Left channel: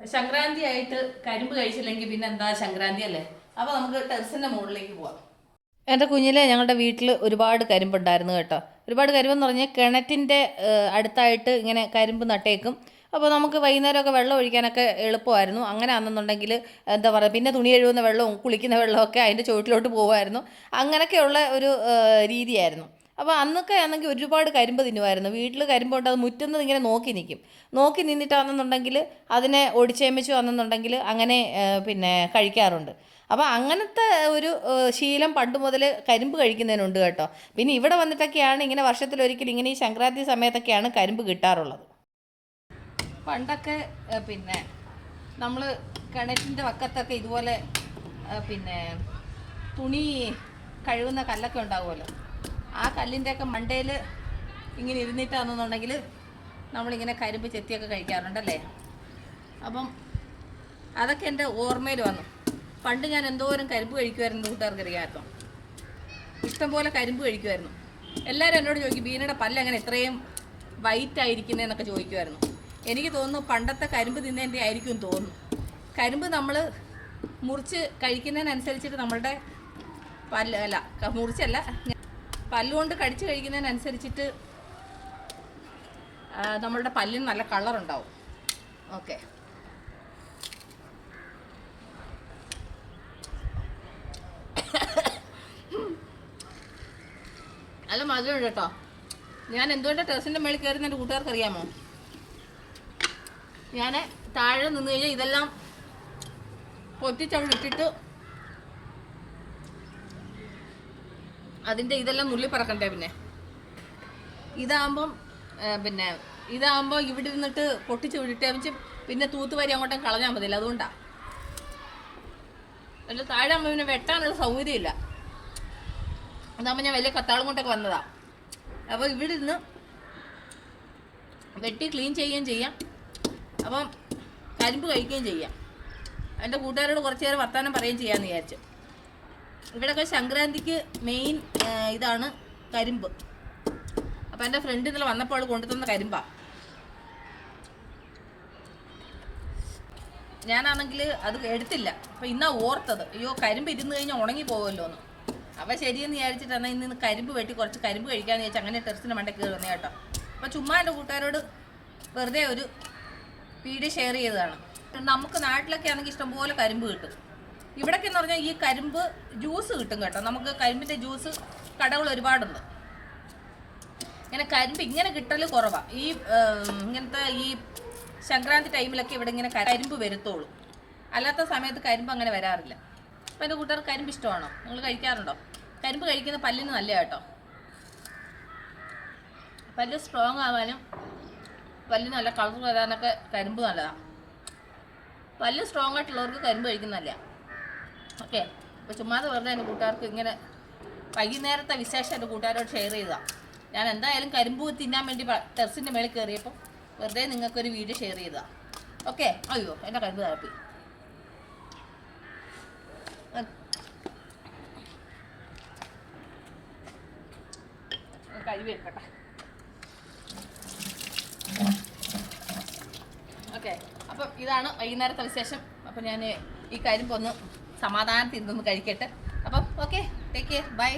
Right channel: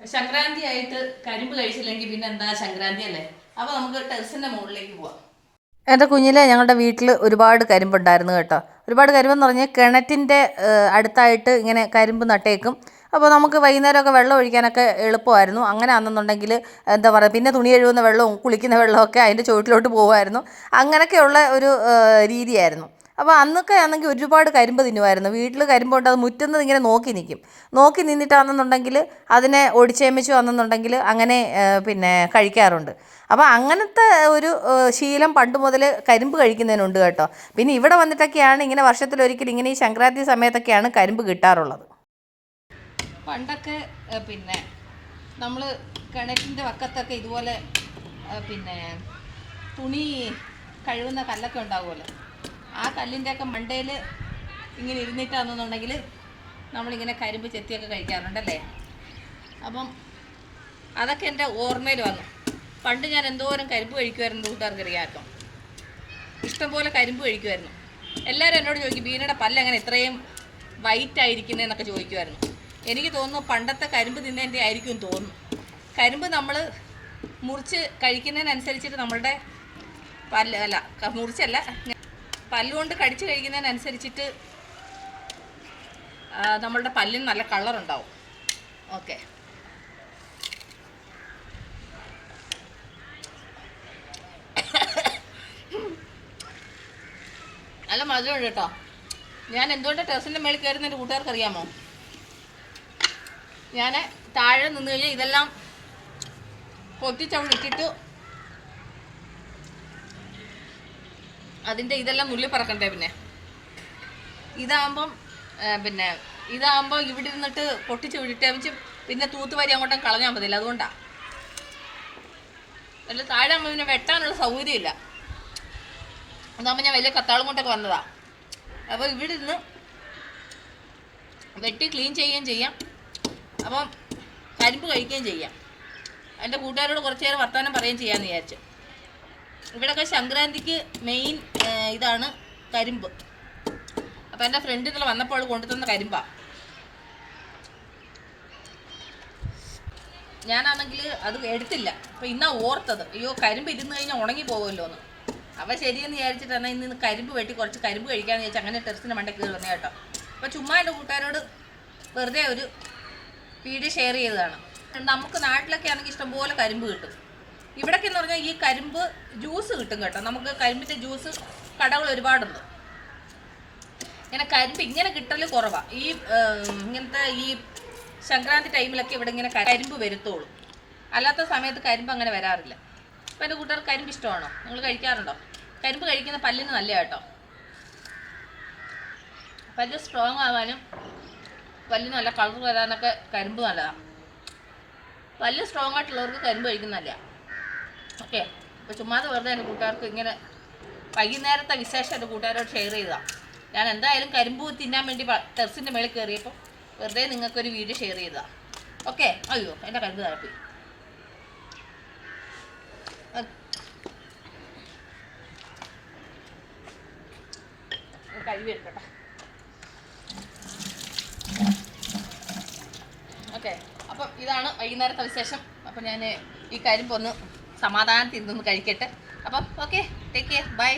സംക്രാന്തി ആയിട്ട് കരിമ്പ് കഴിച്ചില്ലെങ്കിൽ പിന്നെ എന്താ സംക്രാന്തി അല്ലേ. അപ്പോൾ നമുക്ക് ടെറസിൻ്റെ മുകളിലേക്ക് പോവാം. എൻ്റെ കുഞ്ഞിലെ ഞങ്ങളുടെ വീട്ടിൽ ഒരുപാട് കരിമ്പുണ്ടായിരുന്നു കേട്ടോ. ഒരുപാട് കരിമ്പെന്ന് പറഞ്ഞാൽ കിണറ്റിൻ്റെ അടുത്തായിട്ട് ഇങ്ങനെ കരിമ്പ് നട്ടേക്കും. അപ്പോൾ നമുക്ക് വൈകുന്നേരമൊക്കെ വെള്ളം ഒഴിക്കാനൊക്കെ എളുപ്പമായിരുന്നു. അങ്ങനെ ആണെന്നുണ്ടെങ്കിൽ എന്താ പറയുക, പിന്നെ തുണി കഴുകുന്ന വെള്ളവും കുളിക്കുന്ന വെള്ളമൊക്കെ അതിൻ്റെ ചുവട്ടിലോട്ട് പോകുമായിരുന്നു. അങ്ങനെയൊക്കെയുള്ള ഒരു രീതിയായിരുന്നു. അപ്പോൾ അന്നൊക്കെ ആണെങ്കിൽ ഒരുപാട് കരിമ്പ് തിന്നുമായിരുന്നു. വീട്ടിൽ കരിമ്പുണ്ട്, അത് മുറ്റുന്നത് ഇങ്ങനെ നോക്കി നിൽക്കും. നോക്കി നിന്നിട്ടാണെന്നുണ്ടെങ്കിൽ അതിനെ ഒടിച്ചേമിച്ചു വന്നെന്നുണ്ടെങ്കിൽ അങ്ങനെ പിന്നെ കഴിക്കാറുണ്ട്. അപ്പോൾ അങ്ങനത്തെ ഒരു ശീലം പണ്ട് മുതൽ കരിമ്പ് കഴിക്കുന്നതിനുണ്ട് കേട്ടോ. പിന്നെ ഇവിടെ വന്നിട്ടൊക്കെയാണ് ഇങ്ങനെ വർഷത്തിലൊരിക്കൽ ഇങ്ങനെ ഈ സംക്രാന്തി സമയത്തൊക്കെയാണ് കരിമ്പ് കിട്ടാറുള്ളത്. പണ്ടൊക്കെ പിന്നെ നമ്മൾ കിണറ്റിൻ്റെ വക്കത്തൊക്കെ ഇതുപോലെ പിന്നെ തുണി കഴുകുന്ന കല്ലൊക്കെ ഉണ്ടാവുമല്ലോ, ആ കല്ലിൻ്റെയൊക്കെ മണ്ടയിൽ ഇങ്ങനെ ഇരുന്നിട്ടാണെന്നുണ്ടെങ്കിൽ നമ്മളിങ്ങനെ കരിമ്പ് ചെത്തിയൊക്കെ കഴിക്കാറുണ്ടല്ലേ. അപ്പം അതൊക്കെ എൻ്റെ ഓർമ്മയിൽ വന്നു. പണ്ട് ഞാൻ എന്തോരം കരിമ്പ് കഴിക്കുമായിരുന്നു കൂട്ടുകാർക്ക് അറിയാമല്ലോ. ഇഷ്ടംപോലെ കരിമ്പ് കഴിക്കുമായിരുന്നു. എല്ലാവരും എന്നോട് ചോദിക്കും, ബീനയുടെ പല്ല് എങ്ങനെ ഇത്രയും വൈറ്റ് ആയിരിക്കുന്നതെന്നൊക്കെ ചോദിക്കുമായിരുന്നു. എനിക്ക് തോന്നുന്നു പണ്ടത്തെ കരിമ്പ് തിന്നതിൻ്റെ ആയിരിക്കും തോന്നുന്നു. കരിമ്പ് നമ്മൾ മുറിച്ച് കഴിക്കുന്നതിനനുസരിച്ചിട്ട് നമ്മളുടെ മുറിച്ചല്ല, പല്ലുകൊണ്ട് കടിച്ച് കഴിക്കുന്നതിനനുസരിച്ചിട്ട് നമ്മളുടെ പല്ലിന് നല്ല കളറുണ്ടാവും. ഓക്കെ, നല്ല മധുരമുണ്ട് കേട്ടോ. ഞാൻ എന്തുകൊണ്ട് ടെറസിൻ്റെ മേളിൽ കയറുന്ന എൻ്റെ കൂട്ടുകാർക്ക് അറിയാമോ? ഞാൻ താഴെ നിന്ന് കഴിഞ്ഞാൽ ഇതെല്ലാം പൊട്ടിച്ചവിടെ ഇട്ടിട്ട് അതിൻ്റെ ഇതെല്ലാം നുള്ളി പറക്കണ്ടേ. ഇതാകുമ്പോൾ ഇവിടെ ഇരുന്നിട്ട് പൊട്ടിച്ച് വിട്ടേമിച്ച് പിന്നെ തൂത്തുവാരി അങ്ങോട്ടും കളഞ്ഞാൽ മതിയില്ല. അതുകൊണ്ടാണ്. അല്ല, താഴെ ആകുമ്പോൾ പിന്നെ വെട്ടാനുള്ള സൗകര്യമില്ല. അതാകുമ്പോൾ ഞാൻ വലിയ കത്താളും കൊണ്ടൊക്കെ വന്നതാണ്. അപ്പോൾ ഇവിടെ ഇരുന്ന് വെട്ടി ക്ലീൻ ചെയ്യുകയും ചെയ്യാം, അപ്പം കരിമ്പ് കഴിക്കുകയും ചെയ്യാം. എൻ്റെ കൂട്ടുകാരോട് കുറച്ച് നേരം വർത്തമാനം പറയുകയും ചെയ്യാമെന്ന് വിചാരിച്ചു. ഇവിടെയൊക്കെ സംക്രാന്തിക്ക് മെയിൻ ഇതാണ് കരിമ്പ്. അപ്പോൾ എൻ്റെ ഫ്രണ്ട് ഇന്നലെ വന്നപ്പോൾ കൊണ്ടുതന്ന കരിമ്പാണ്. ഞാനാണെങ്കിൽ അത് എടുത്തില്ല. അപ്പോൾ ഇന്നാ ഓർത്തത്, അയ്യോ കരിമ്പ് ഇരുന്ന് കഴിഞ്ഞാൽ ഉണങ്ങി പോകുമല്ലോ എന്ന്. അപ്പോൾ ശരിയെന്ന് വിചാരിച്ചിട്ട് എന്നാൽ ഇന്ന് കരിമ്പ് വെട്ടി കുറച്ച് കരിമ്പ് കഴിക്കാമെന്ന് ചോദിച്ചാൽ അങ്ങനെ ടെറസിൻ്റെ മണ്ടയ്ക്ക് കയറി വന്നേ കേട്ടോ. അപ്പോൾ ചുമ്മാ എൻ്റെ കൂട്ടുകാരോട് വെറുതെ ഒരു വീഡിയോ ഷെയർ ചെയ്തതാണ്. നമുക്ക് നാട്ടിലൊക്കെ ആണെങ്കിൽ ഇഷ്ടംപോലെ കരിമ്പ് കിട്ടും. ഇവിടൊക്കെ എന്ന് പറഞ്ഞാൽ ഈ കരിമ്പ് ജ്യൂസ് കിട്ടും കേട്ടോ. നമുക്ക് കരിമ്പിൻ്റെ ജ്യൂസ് കടകൾ ഒരുപാടുണ്ട്. ഇങ്ങനെ കരിമ്പ് ഇങ്ങനെ കിട്ടൽ കുറവാണ്. ഇങ്ങനത്തെ ഈ സംക്രാന്തി ടൈമിലൊക്കെ ഇവിടെ ഇങ്ങനെ കരിമ്പ് വരുത്തോളൂ. അല്ലാത്ത സമയത്ത് കരിമ്പ് അങ്ങനെ വരാറില്ല. അപ്പോൾ എൻ്റെ കൂട്ടുകാർ കരിമ്പ് ഇഷ്ടമാണോ? നിങ്ങൾ കഴിക്കാറുണ്ടോ? കരിമ്പ് കഴിക്കുന്ന പല്ലിന് നല്ല കേട്ടോ. പല്ല് സ്ട്രോങ് ആകാനും പല്ലിന് നല്ല കളർ വരാനൊക്കെ കരിമ്പ് നല്ലതാണ്. പല്ല് സ്ട്രോങ് ആയിട്ടുള്ളവർക്ക് കരിമ്പ് കഴിക്കുന്നതല്ല. ഓക്കെ, അപ്പോൾ ചുമ്മാതെ വെറുതെ എൻ്റെ കൂട്ടുകാർക്ക് ഇങ്ങനെ വൈകുന്നേരത്തെ വിശേഷം എൻ്റെ കൂട്ടുകാരോട് ഷെയർ ചെയ്തതാണ്. ഞാൻ എന്തായാലും കരിമ്പ് തിന്നാൻ വേണ്ടി ടെറസിൻ്റെ മേളിൽ കയറിയപ്പോൾ വെറുതെ നിങ്ങൾക്കൊരു വീഡിയോ ഷെയർ ചെയ്തതാണ്. ഓക്കെ, അയ്യോ എൻ്റെ കരിമ്പ് താഴ്ത്തി കഴിവ് എടുക്കട്ടെ. ഓക്കെ, അപ്പം ഇതാണ് വൈകുന്നേരത്തെ വിശേഷം. അപ്പം ഞാൻ ഈ കരിമ്പൊന്ന് സമാധാനത്തിൽ ഇരുന്നൊന്ന് കഴിക്കട്ടെ. അപ്പം ഓക്കെ, ടേക്ക് കെയർ, ബൈ.